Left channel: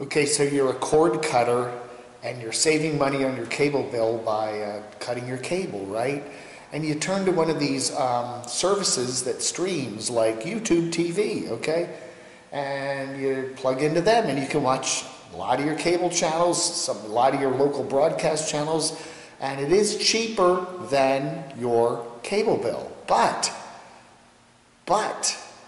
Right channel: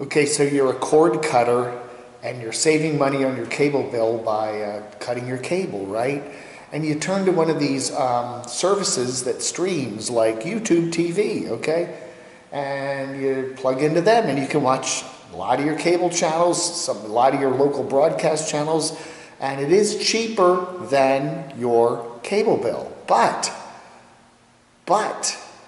Okay, so you're a cord cutter and you're saving money on your cable bill by cutting your cable, right? And you turn to one of these services that streams like YouTube TV, okay? And you plug into them and you can watch a lot of your cable channels, a lot of your local broadcast channels, and it is cheaper than your cable bill. But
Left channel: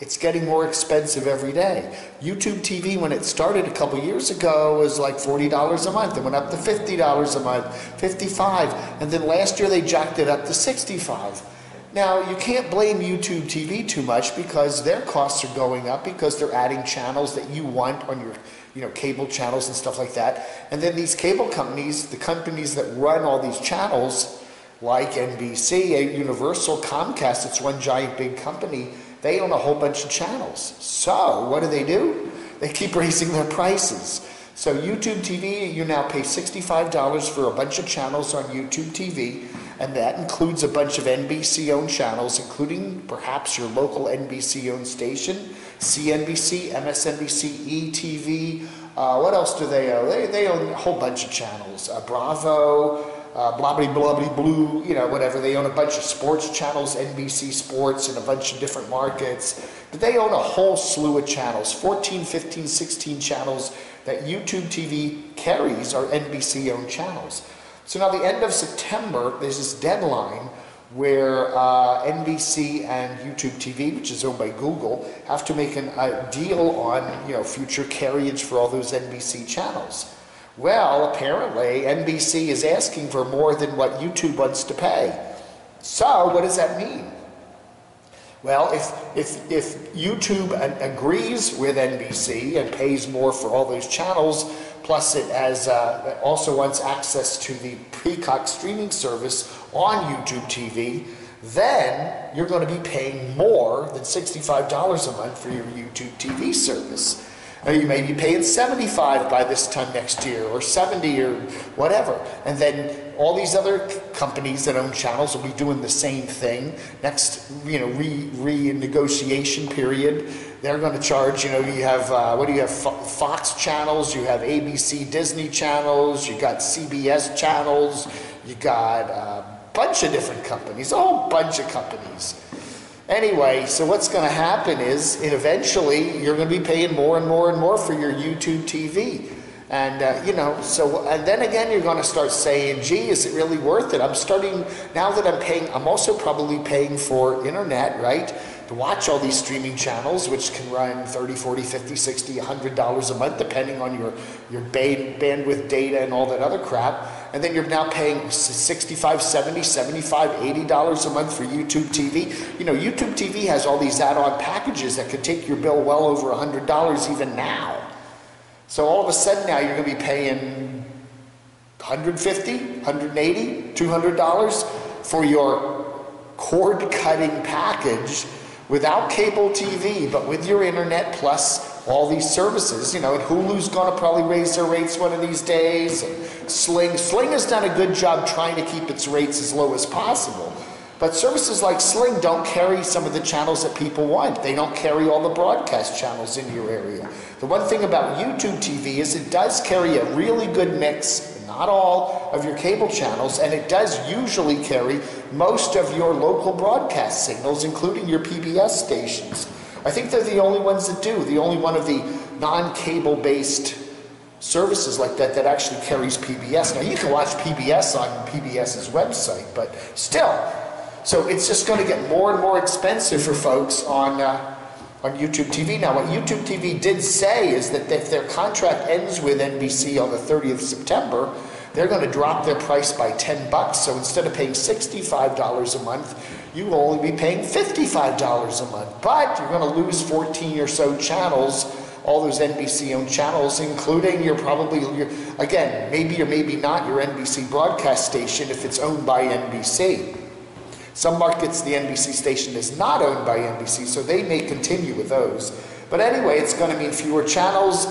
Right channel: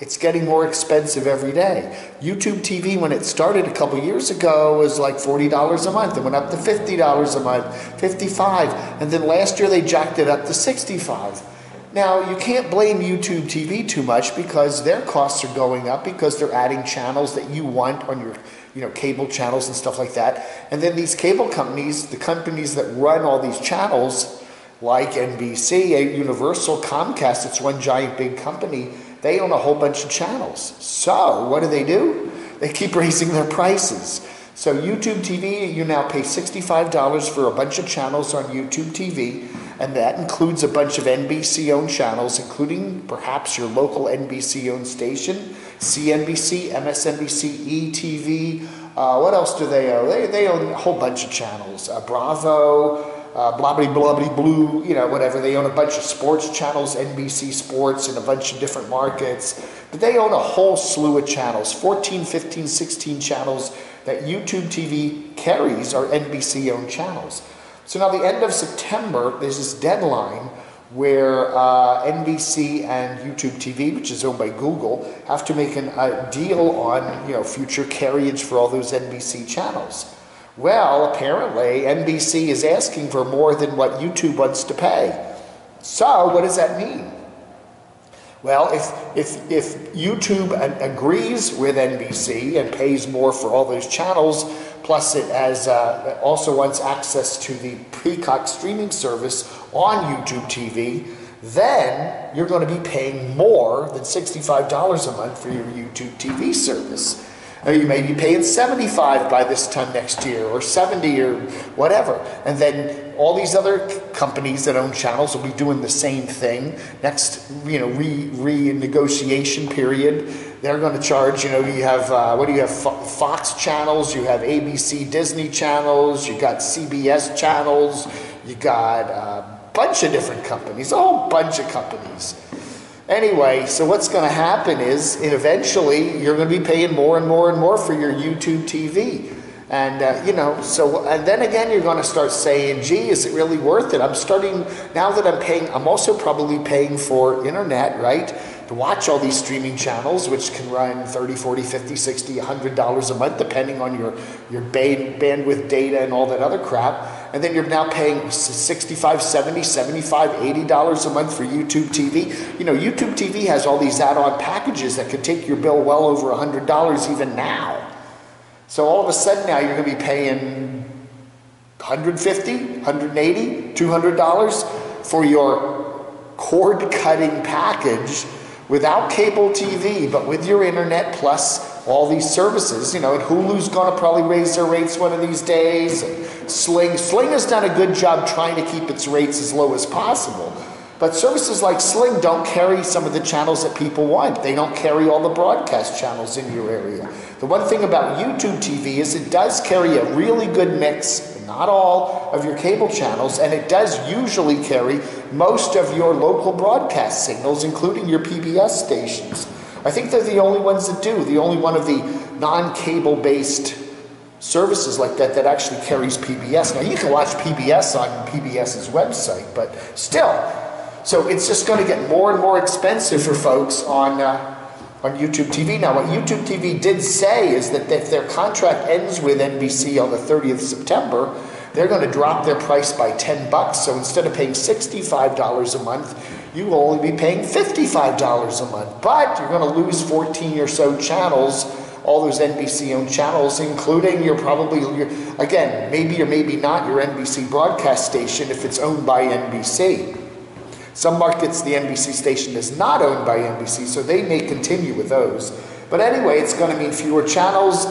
it's getting more expensive every day. YouTube TV, when it started a couple years ago, was like $40 a month. It went up to $50 a month, $55, and then last year they jacked it up to $65. Now, you can't blame YouTube TV too much because their costs are going up because they're adding channels that you want on your cable channels and stuff like that. And then these cable companies, the companies that run all these channels, like NBC, Universal, Comcast, it's one giant big company, they own a whole bunch of channels. So what do? They keep raising their prices. So YouTube TV, you now pay $65 for a bunch of channels on YouTube TV, and that includes a bunch of NBC-owned channels, including perhaps your local NBC-owned station, CNBC, MSNBC, ETV. What else do they own? They own a whole bunch of channels. Bravo, blue, whatever. They own a bunch of sports channels, NBC Sports, in a bunch of different markets. But they own a whole slew of channels, 14, 15, 16 channels that YouTube TV carries are NBC-owned channels. So now the end of September, there's this deadline where NBC and YouTube TV, which is owned by Google, have to make a deal on future carriage for all those NBC channels. Well, apparently NBC is asking for more than what YouTube wants to pay. So what does that mean? Well, if YouTube agrees with NBC and pays more for all those channels, plus it also wants access to the Peacock streaming service on YouTube TV, then you're going to be paying more than $65 a month for your YouTube TV service. Or you may be paying $75 by this time next year, or $70 or whatever. And then all these other companies that own channels will be doing the same thing. Next, renegotiation period, they're going to charge, you have, Fox channels, you have ABC Disney channels, you got CBS channels, you got a bunch of different companies, a whole bunch of companies. Anyway, so what's going to happen is, eventually, you're going to be paying more and more and more for your YouTube TV. And, and then again, you're going to start saying, gee, is it really worth it? Now that I'm paying, I'm also probably paying for internet, right? To watch all these streaming channels, which can run $30, $40, $50, $60, $100 a month, depending on your bandwidth data and all that other crap. And then you're now paying $65, $70, $75, $80 a month for YouTube TV. YouTube TV has all these add-on packages that could take your bill well over $100 even now. So all of a sudden now you're going to be paying $150, $180, $200 for your cord-cutting package without cable TV, but with your internet plus all these services. And Hulu's going to probably raise their rates one of these days. Sling has done a good job trying to keep its rates as low as possible. But services like Sling don't carry some of the channels that people want. They don't carry all the broadcast channels in your area. The one thing about YouTube TV is it does carry a really good mix, not all of your cable channels, and it does usually carry most of your local broadcast signals, including your PBS stations. I think they're the only ones that do, the only one of the non-cable based services like that actually carries PBS. Now you can watch PBS on PBS's website, but still. So it's just going to get more and more expensive for folks on YouTube TV. Now what YouTube TV did say is that if their contract ends with NBC on the 30th of September, they're going to drop their price by $10. So instead of paying $65 a month, you will only be paying $55 a month. But you're going to lose 14 or so channels, all those NBC-owned channels, including again, maybe or maybe not your NBC broadcast station if it's owned by NBC. Some markets, the NBC station is not owned by NBC, so they may continue with those. But anyway, it's going to mean fewer channels.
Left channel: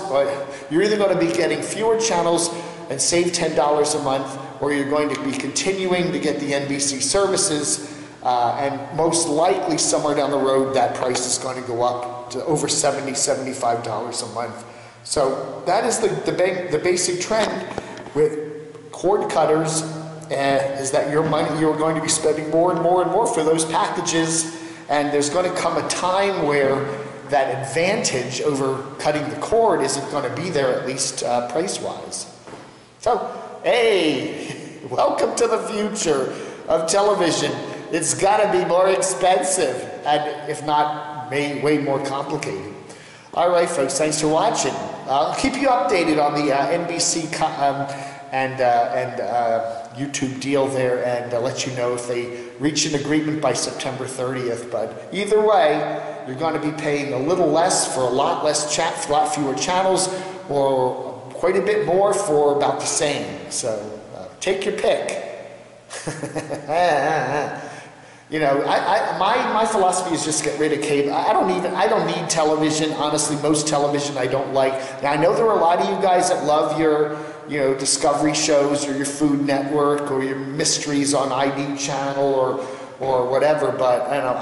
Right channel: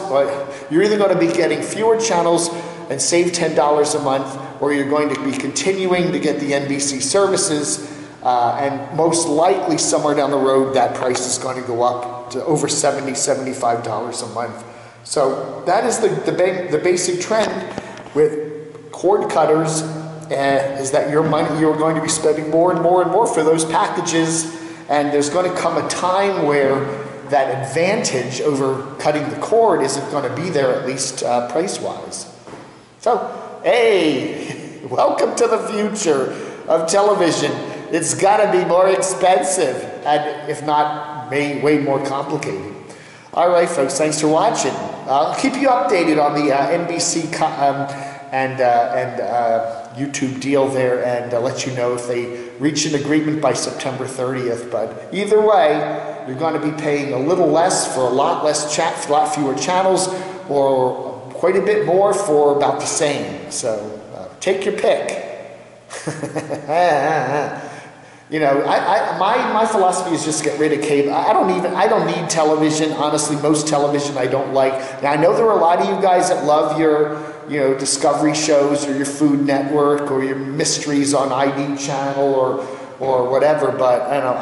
You're either going to be getting fewer channels and save $10 a month, or you're going to be continuing to get the NBC services, and most likely somewhere down the road that price is going to go up to over $70, $75 a month So that is the basic trend with cord cutters, is that you're going to be spending more and more and more for those packages, and there's going to come a time where that advantage over cutting the cord isn't going to be there, at least price-wise. So, hey, welcome to the future of television. It's got to be more expensive, and if not, way more complicated. All right, folks, thanks for watching. I'll keep you updated on the NBC and YouTube deal there, and let you know if they reach an agreement by September 30th. But either way, you're going to be paying a little less for a lot fewer channels, or quite a bit more for about the same. So take your pick. You know, my philosophy is just get rid of cable. I don't need television. Honestly, most television I don't like. Now, I know there are a lot of you guys that love your, Discovery shows, or your Food Network, or your mysteries on ID channel, or whatever, but I don't know,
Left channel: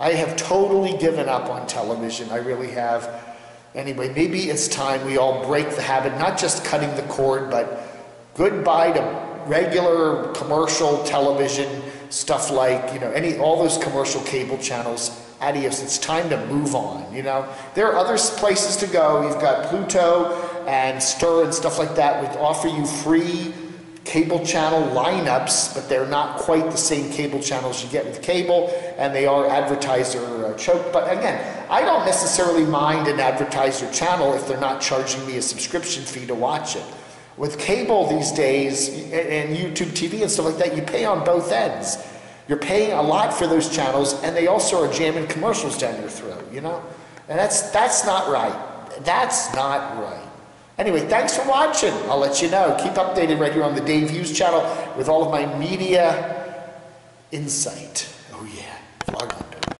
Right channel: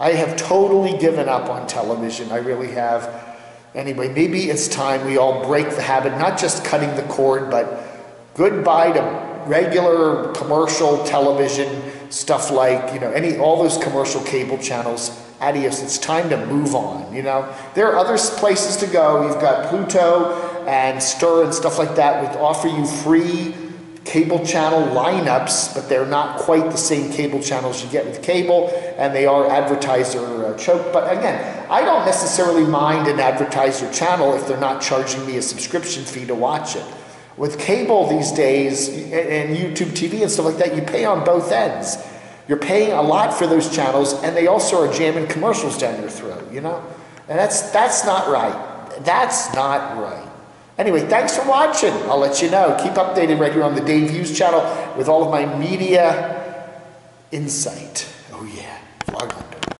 I have totally given up on television. I really have. Anyway, maybe it's time we all break the habit, not just cutting the cord, but goodbye to regular commercial television, stuff like, all those commercial cable channels. Adios, it's time to move on, There are other places to go. You've got Pluto and Stir and stuff like that, which offer you free cable channel lineups, but they're not quite the same cable channels you get with cable, and they are advertiser choked. But again, I don't necessarily mind an advertiser channel if they're not charging me a subscription fee to watch it. With cable these days, and YouTube TV and stuff like that, you pay on both ends. You're paying a lot for those channels, and they also are jamming commercials down your throat, And that's not right. That's not right. Anyway, thanks for watching. I'll let you know. Keep updated right here on the Dave Hughes channel with all of my media insight. Oh yeah, vlog.